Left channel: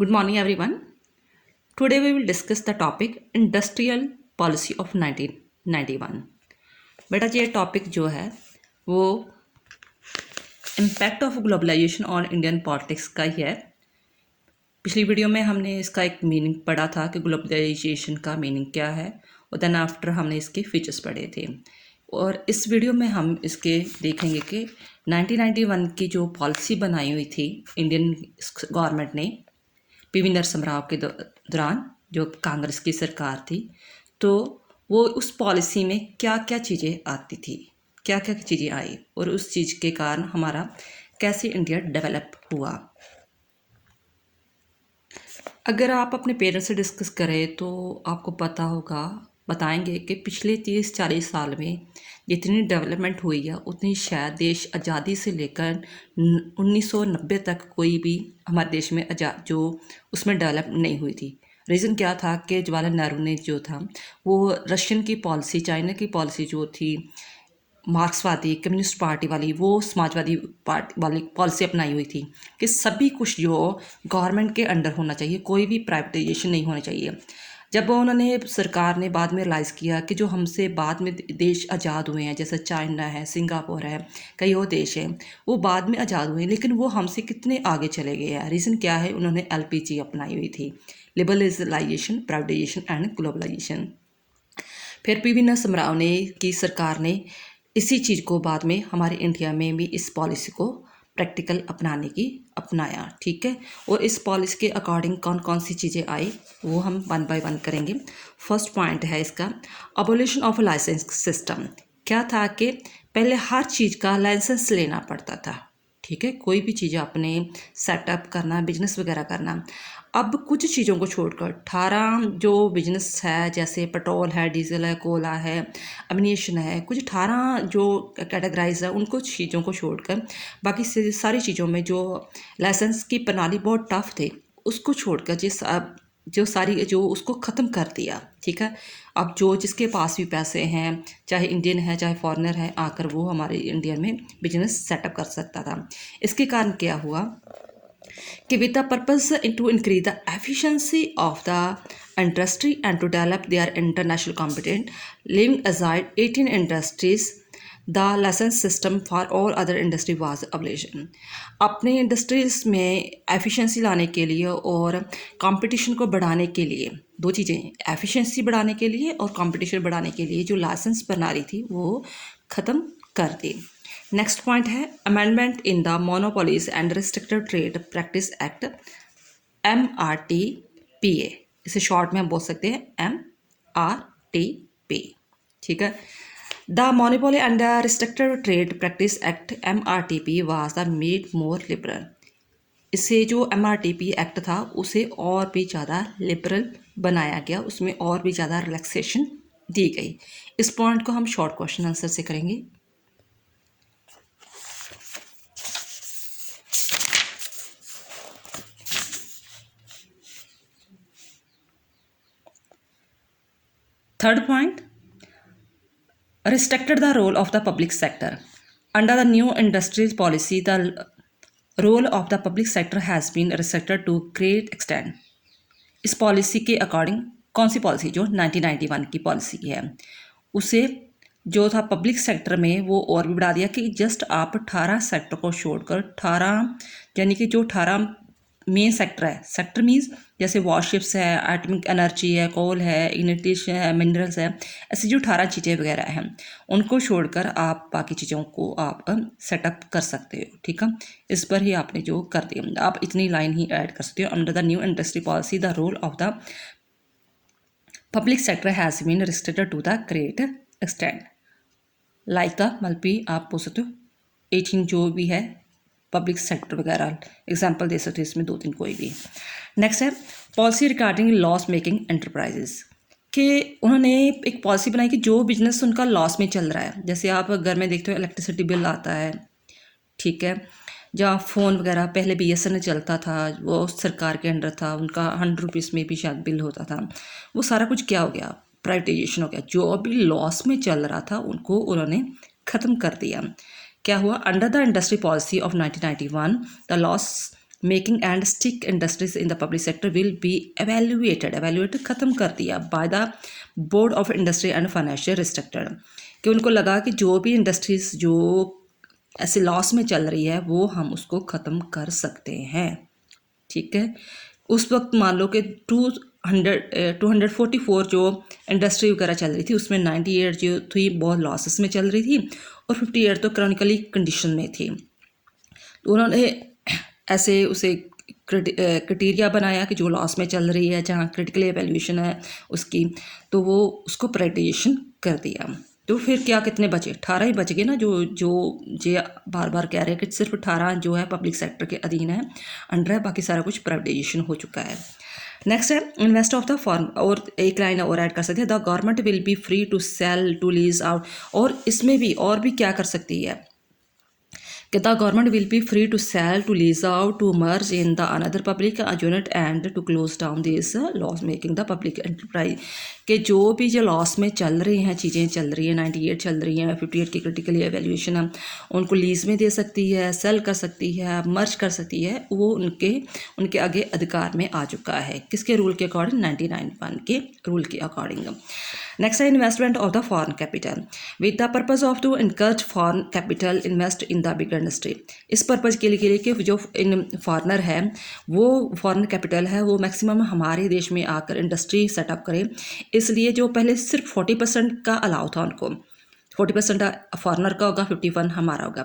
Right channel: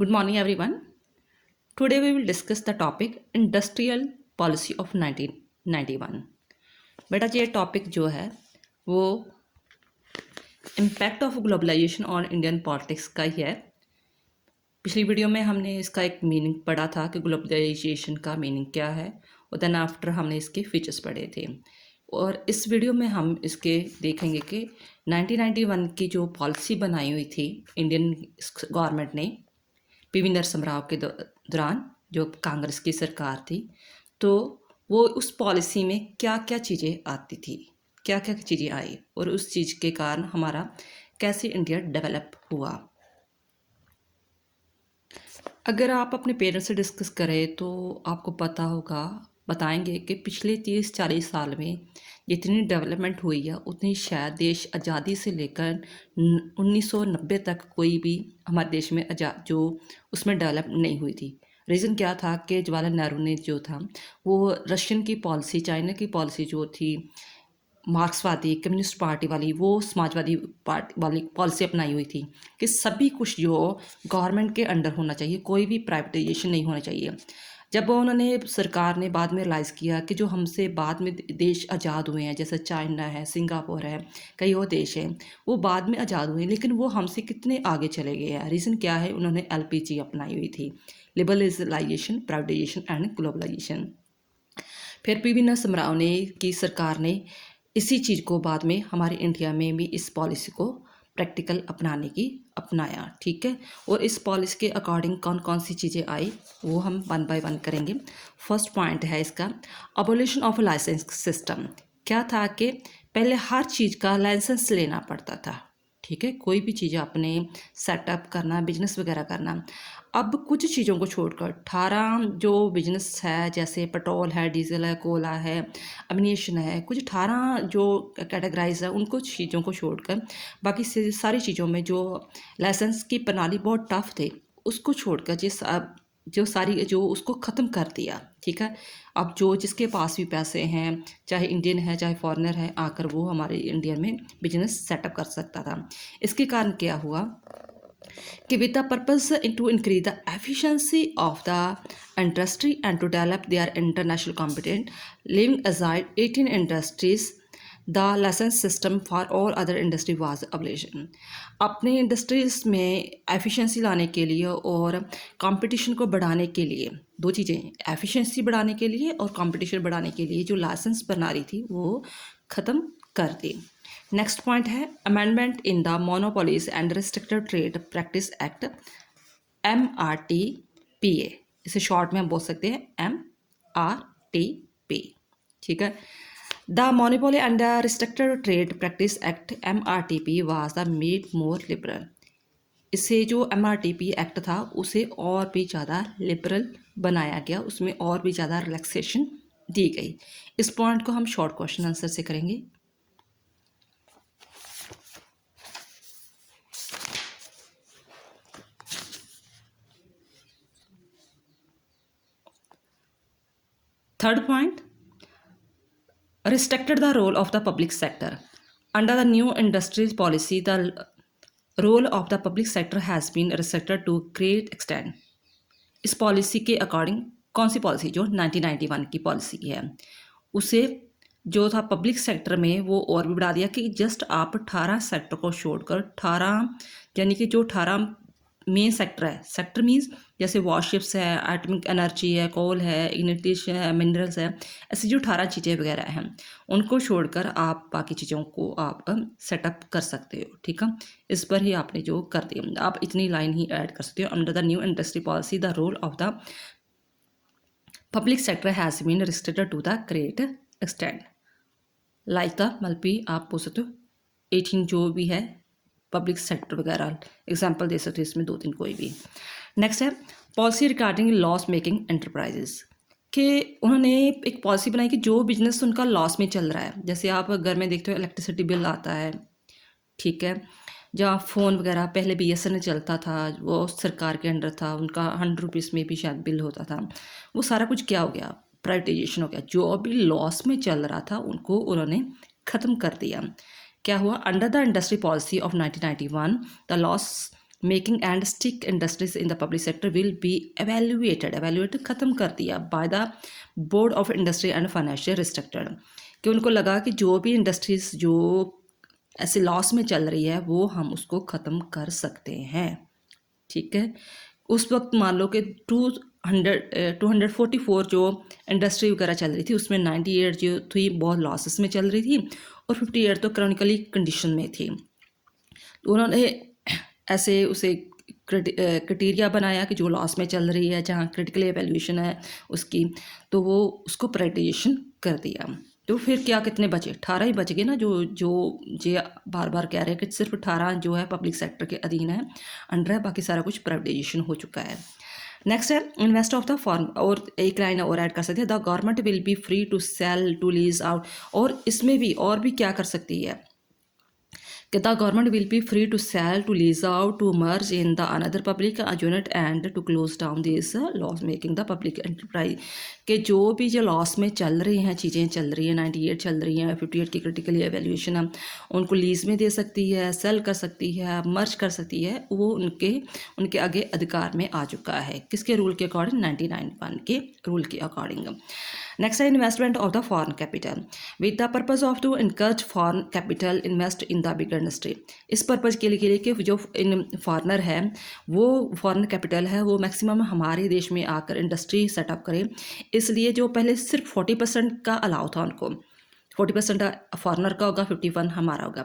Good morning, everyone. Today we will discuss the topic Industrial Policy of 1991. बेटा ये topic जो है वो impact of globalisation on Indian politics का ही है। पिछली वीडियो में हमने इसका एक मीनिंग पढ़ा था कि ग्लोबलाइजेशन का मीनिंग क्या है, और देन आफ्टर हमने इसके फीचर्स पढ़े थे। और इस वीडियो में हम इसके देखेंगे कि 1991 की जो पॉलिसी बनाई हुई थी इंडियन गवर्नमेंट ने पीवी नरसिम्हा राव के दौरान, जो कांग्रेस की सरकार थी, तो वो उस पॉलिसी में क्या क्या चीज़ें आती थी, क्या क्या चीज़ें आई और उस चीज़ के कारण हमारा कैसे इंडिया डेवलप हुआ। अगर आप अपने पेरेंट्स से डिस्कस करें तो आपको पता होगा, बताएंगे कि पिछले 30-40 साल में जितनी डेवलपमेंट हुई है उतनी शायद देश आज़ादी से लेकर 1990 तक कोई भी हमारे देश में जो उसमें डेवलप नहीं हुई थी। रीज़न क्या था कि जवाहरलाल नेहरू ने जो था वो रशियन की पॉलिसी, चाइना की पॉलिसी जो थी मार्क्सवादी कम्युनिस्ट पार्टी वाली, वो समाजवादी पार्टी वाली पॉलिसी अपनाई हुई थी कि सभी कुछ जो गवर्नमेंट के अंडर होना चाहिए, कोई भी प्राइवेटाइजेशन नहीं होना चाहिए। जब उन्होंने सरकार ने बाद में रियलाइज़ किया कि जो हमसे बाद में देश आज़ाद हुए हैं, जैसे चाइना है, सिंगापुर है, कई और देश हैं, वो बाद में आज़ाद हुए लेकिन वो हमसे कितने आगे चले गए हैं। रीज़न क्या है? उन्होंने एलपीजी अपनाई हुई थी, लिबरलाइजेशन, प्राइवेटाइजेशन एंड ग्लोबलाइजेशन। फिर पीवी नरसिम्हा राव ने की सरकार ने इसी चीज़ को बाद में हमारे इंडिया में भी इस पॉलिसी को प्रैक्टिकल अपनाया, ठीक है। और इस पॉलिसी के अकॉर्डिंग कौन कौन सी चीज़ें आई वो हम वन बाय वन करेंगे। फर्स्ट पॉइंट है इसका अबोलिशन ऑफ लाइसेंस सिस्टम। क्या था कि पहले हर चीज़ का लाइसेंस लेना पड़ता था, ठीक है, कोई भी चीज़ आपने सेटअप करना, बिजनेस वगैरह करना। अब कुछ चीज़ों को छोड़कर 18 जो बिजनेस है, जैसे पेट्रोल है, डीजल है, कोयला है, एमिनेशन है, कुछ 18 जो कैटेगराइज है, उनको चीज़ों को छोड़कर बाकी सारी चीज़ों में जो लाइसेंस की प्रणाली बहुत टफ थे, उसको छोड़कर जो सारी जो उसको ख़त्म कर दिया, ठीक है। अब जो जिसके पास भी पैसे हैं, चाहे इंडियन है चाहे फॉरेनर है, आकर वो हमारे इंडिया में बिजनेस सेटअप कर सकता था। इसके कारण क्या हुआ कि with the purpose to increase the efficiency of the industry and to develop their international competent, leaving aside 18 industries, the license system for all other industry was abolished। अपने इंडस्ट्रीज में एफिशिएंसी लाने के लिए और कंपटीशन को बढ़ाने के लिए, दो चीज़ें, एफिशिएंसी बढ़ाने के लिए और कंपटीशन बढ़ाने के लिए जो लाइसेंस बना रही थी वो ख़त्म कर दी। नेक्स्ट पॉइंट है amendment in the monopolies and restricted trade practice act, MRTPA। इसे शॉर्ट में हम बोल सकते हैं MRTP, ठीक है। The monopoly and the restricted trade practice act MRTP was the made more liberal. इससे जो MRTP एक्ट था उसे और भी ज़्यादा लिबरल बनाया गया, उसमें और भी ज़्यादा रिलैक्सेशन दी गई। इस पॉइंट को हम शॉर्ट क्वेश्चन आंसर से करेंगे। Third point, restricted the role of the public sector. Under the new industries policy, the role of the public sector has been restricted to great extent. इस policy के according कौन सी policy? जो 1991 की policy है, उसे जो था पब्लिक सेक्टर में वो और भी बढ़ा दिया कि जस्ट आप 18 सेक्टर को छोड़कर 18, यानी कि जो 18 मेन सेक्टर है, सेक्टर मीन्स जैसे वॉरशिप्स है, एटमिक एनर्जी है, कोल है, इग्निटेशन है, मिनरल्स है, ऐसी जो 18 चीज़ें वगैरह हैं उनको छोड़कर आप बाकी चीज़ों को आप सेटअप कर सकते हो, ठीक है। इस पर ही आपने जो कर दिया, आप इतनी लाइन ही ऐड कर सकते हो। Under the new industry policy the role of the public sector has been restricted to the great extent, like the मल्पी आप बोल सकते हो 18 जो भी है पब्लिक सेक्टर वगैरह, एग्जाम्पल दे सकते हो इसमें 2-3 कोई भी। नेक्स्ट है policy regarding loss making enterprises, कि उन्होंने एक पॉलिसी बनाई कि जो बिजनेस उनका लॉस में चल रहा है, जैसे आप घर में देखते हो इलेक्ट्रिसिटी बिल आता है, ठीक है, जहाँ फ़ोन वगैरह पहले BSNL चलता था, वो सरकार के अंडर था, उनका 100 रुपीज़ में भी शायद बिल होता था, वो सारा कुछ क्या हो गया? प्राइवेटाइजेशन हो गया। जो अभी लॉस में चल रहा था उनको उन्होंने ख़त्म कर दिया। क्या हुआ? Under the industry policy of 1991 the loss making and stick industries in the public sector will be evaluated ख़त्म कर दिया by the board of industry and financial restricted, कि उनको लगा कि जो भी इंडस्ट्रीज जो ऐसे लॉस में चल रही है वो हम उसको ख़त्म कर सकते हैं। ठीक है, उस वक्त मान लो कि 244 जो इंडस्ट्री वगैरह चल रही थी उसमें 98 जो थी बहुत लॉसेस में चल रही थी और 58 तो क्रॉनिकली कंडीशन में थी। तो उन्होंने ऐसे उसे क्राइटेरिया बनाया कि जो लॉस में चल रही है जहाँ क्रिटिकल एवेल्यूशन है उसकी, तो वो उसको प्राइवेटाइजेशन कर दिया। तो फिर क्या कितने बचे? 18 ही बच गए ना, जो जो ये बार बार कह रहे हैं कि सिर्फ 18 जो है पब्लिक सेक्टर के अधीन है, अंडर है, बाकी सारा कुछ प्राइवेटाइजेशन हो चुका है। नेक्स्ट है इन्वेस्ट ऑफ द फॉर्म, और एक लाइन और ऐड कर सकते हैं, the government will be free to sell to lease out, और इसमें भी और भी क्या कर सकती है कि the government will be free to sell, to lease out, to merge in the another public unit and to close down these laws making the public enterprise, कि जो भी जो लॉस में चल रही हैं चीज़ें चल रही हैं 98 चल रही हैं 58 की क्रिटिकली एवेल्यूशन है, उनको लीज में दे सकती है, सेल कर सकती है, मर्ज कर सकती है, वो उनके आगे अधिकार में आ चुका है। किसके रूल के अकॉर्डिंग? 99(1) के रूल के अकॉर्डिंग। नेक्स्ट है investment of the foreign capital with the purpose of to encourage foreign capital invest in the big industry. इस पर्पज़ के लिए कि जो इन फॉरनर है वो फॉरेन कैपिटल है वो मैक्सिमम हमारे देश में आकर इंडस्ट्री सेटअप करे, इसलिए जो पहले सिर्फ 40% का अलाउ था उनको, 40% फॉरनर का होगा, 51 हमारा होगा,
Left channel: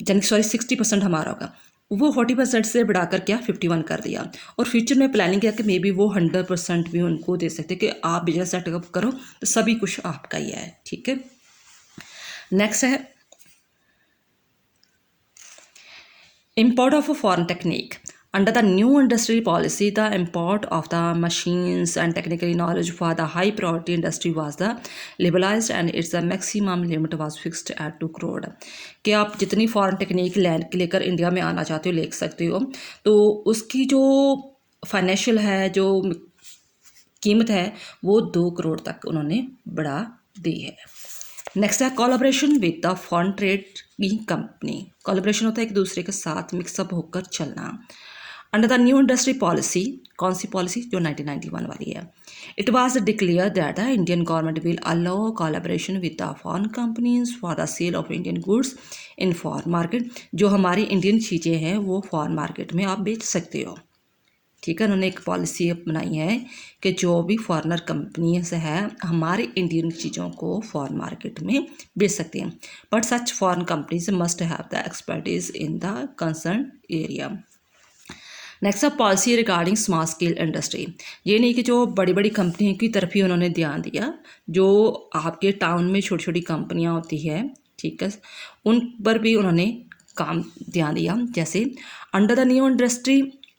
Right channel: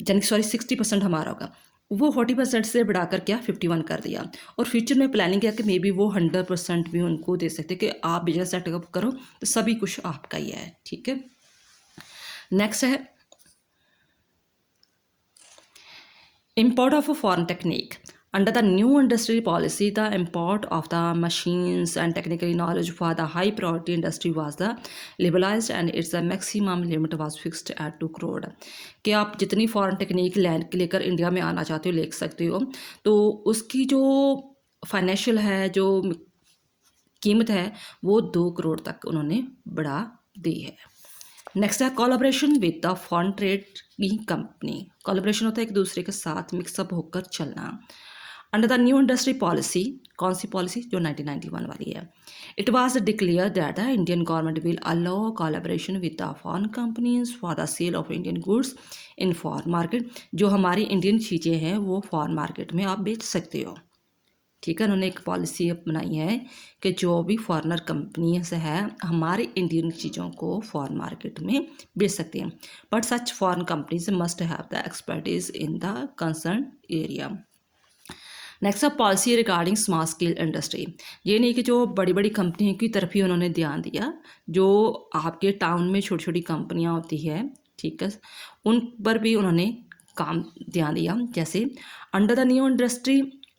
यानी 60% हमारा होगा, वो 40% से बढ़ाकर क्या 51 कर दिया। और फ्यूचर में प्लानिंग किया कि मे बी वो 100% भी उनको दे सकते कि आप बिजनेस सेटअप करो तो सभी कुछ आपका ही है। ठीक है, नेक्स्ट है import of a foreign technique. Under the new industry policy, the import of the machines and technical knowledge for the high priority industry was the liberalized and its the maximum limit was fixed at 2 crore. कि आप जितनी foreign technique लेकर India में आना चाहते हो ले सकते हो, तो उसकी जो फाइनेंशियल है जो कीमत है वो 2 करोड़ तक उन्होंने बढ़ा दी है। नेक्स्ट है collaboration with the foreign trading company. Collaboration होता है एक दूसरे के साथ मिक्सअप होकर चलना। Under the new industry policy, कौन सी पॉलिसी? जो 1991 वाली है। It was declare that the Indian government will allow collaboration with the foreign companies for the sale of Indian goods in foreign market. जो हमारी इंडियन चीज़ें हैं वो फॉरेन मार्केट में आप बेच सकते हो। ठीक है, उन्होंने एक पॉलिसी बनाई है कि जो भी फॉरेनर कंपनीज है हमारे इंडियन चीज़ों को फॉरेन मार्केट में बेच सकती हैं, but such foreign companies must have the expertise in the concern area. Next है policy regarding small scale industry. ये नहीं कि जो बड़ी बड़ी कंपनियों की तरफ ही उन्होंने ध्यान दिया, जो आपके टाउन में छोटी छोटी कंपनियाँ होती है, ठीक है, उन पर भी उन्होंने काम ध्यान दिया। जैसे under the new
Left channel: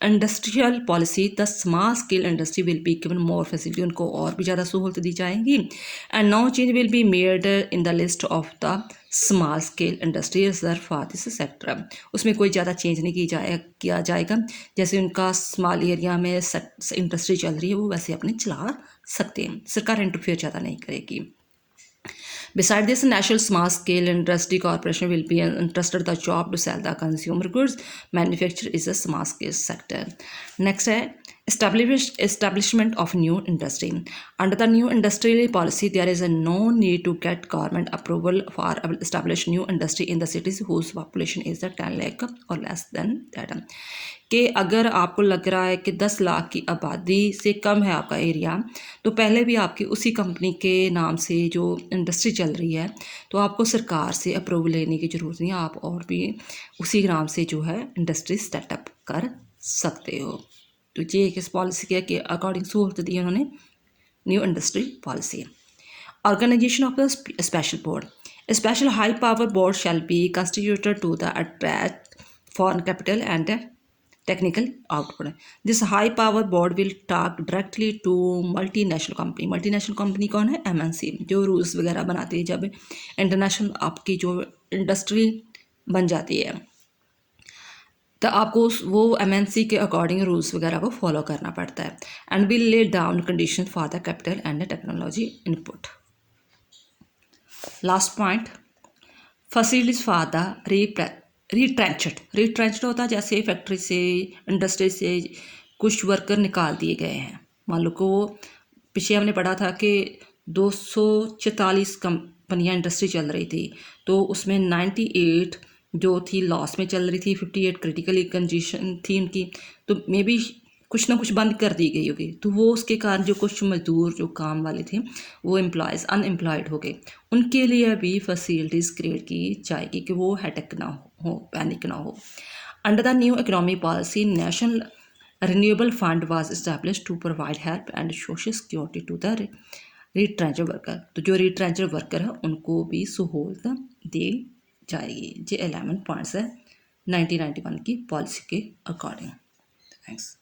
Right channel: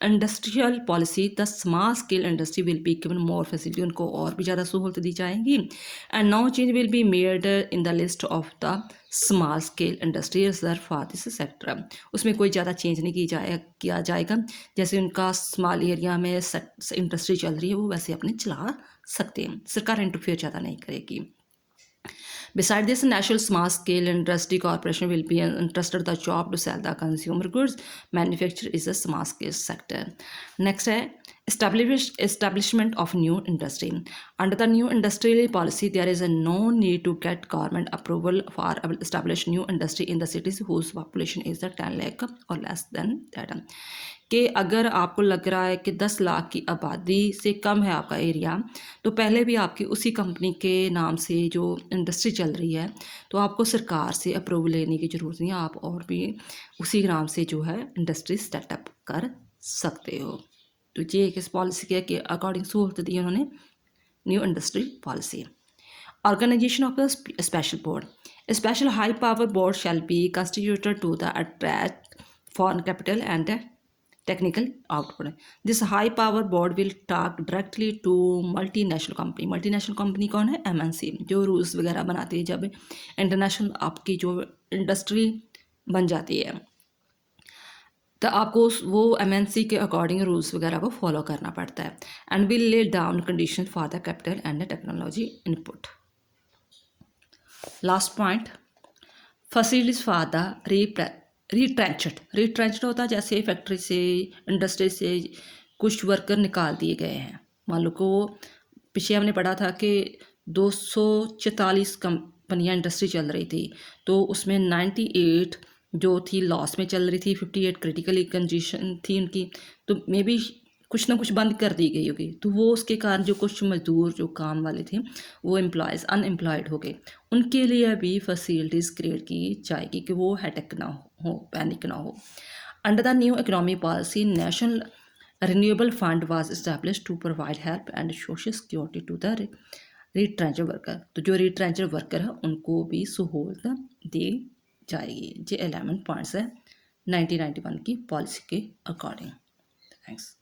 industrial policy the small scale industry will be given more facility, उनको और भी ज़्यादा सहूलत दी जाएंगी। And no change will be made in the list of the small scale industry reserve for this sector. उसमें कोई ज़्यादा चेंज नहीं किया जाएगा। जैसे उनका स्मॉल एरिया में इंडस्ट्री चल रही है वो वैसे अपने चला सकते हैं, सरकार इंटरफेयर ज़्यादा नहीं करेगी। Beside this, National Small Scale Industry Corporation will be entrusted the job to sell the consumer goods. Manufacture is a small scale sector. Next है establishment of new industry. Under the new industrial policy, there is a no need to get government approval for establish new industry in the cities whose population is 10 lakh or less than that. कि अगर आपको लग रहा है कि 10 लाख की आबादी से कम है आपका एरिया, तो पहले भी आपकी उसी कंपनी के नाम से जो इंडस्ट्री चल रही है तो आपको सरकार से अप्रूवल लेने की ज़रूरत नहीं है, आप और भी उसी नाम से जो है इंडस्ट्री सेटअप कर सकते हो। तो ये किस पॉलिसी के कि अकॉर्डिंग सहूलत दी उन्होंने new industry policy. Organisation of the special board, special high power board shall be constituted to the attract foreign capital and technical output. This high power board will talk directly to multinational company. multinational company कौन है? MNC, जो rules वगैरह बनाती है जब international आपकी जो industry बन जाती है तो आपको वो MNC के अकॉर्डिंग रूल्स वगैरह को फॉलो करना पड़ता है। And will lay down condition for the capital and technology input. Last point, facilities for the retrenched होता है जैसे फैक्ट्री से, इंडस्ट्री से कुछ वर्कर निकाल दिए गए हैं। मान लो को पीछे हमने पढ़ा था कि 244 कंपनियां इंडस्ट्री चल रही थी, तो उसमें 98 जो थी लॉस में चल रही थी, 58 क्रिटिकली कंडीशन थी उनकी, तो मे बी कुछ ना कुछ बंद कर दी गई होगी। तो वो उसके कारण जो कुछ मजदूर जो काम वाले थे वो एम्प्लॉयज़ अनएम्प्लॉयड हो गए। उनके लिए भी फैसिलिटीज़ क्रिएट की जाएगी कि वो हेडेक ना हो, पैनिक ना हो। Under the new economic policy, national renewable fund was established to provide help and social security to the retrenched worker। तो जो retrenched वर्कर है उनको भी सहूलत दी जाएगी। ये 11 पॉइंट्स है 1991 की पॉलिसी के अकॉर्डिंग। थैंक्स।